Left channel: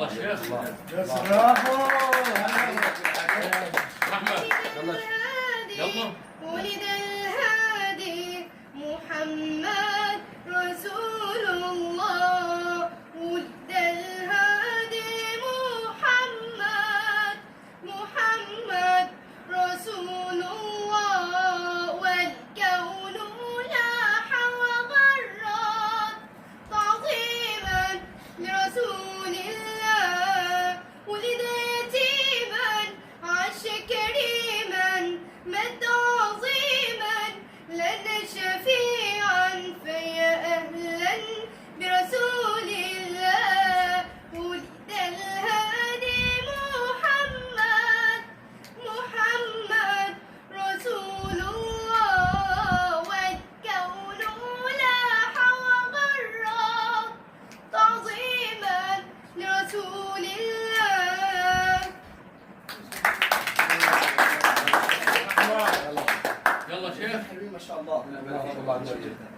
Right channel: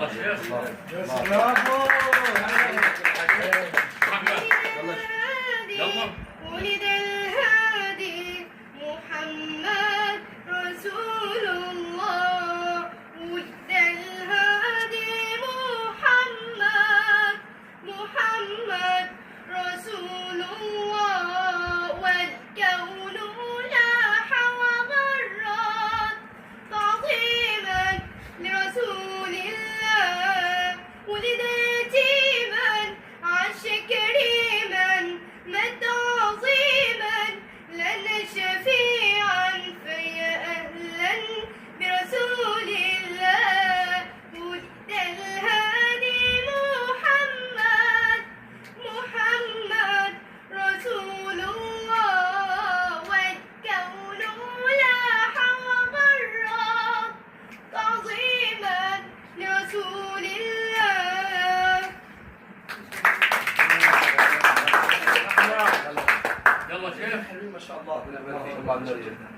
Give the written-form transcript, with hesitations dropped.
يلا شيخ. برافو. رحمة. يلا. ولد الهادي محمد رسول الله. ولد الهادي محمد رسول الله. والكون لاح وغرد تعظيما لرسول الله. ولد يتيما عاش كريما مات عظيما لنا شفيعا فيا أهلا برسول الله. ولد الهادي محمد رسول الله. والكون لاح وغرد تعظيما لرسول الله. يلا شيخ. حلوين ما شاء الله.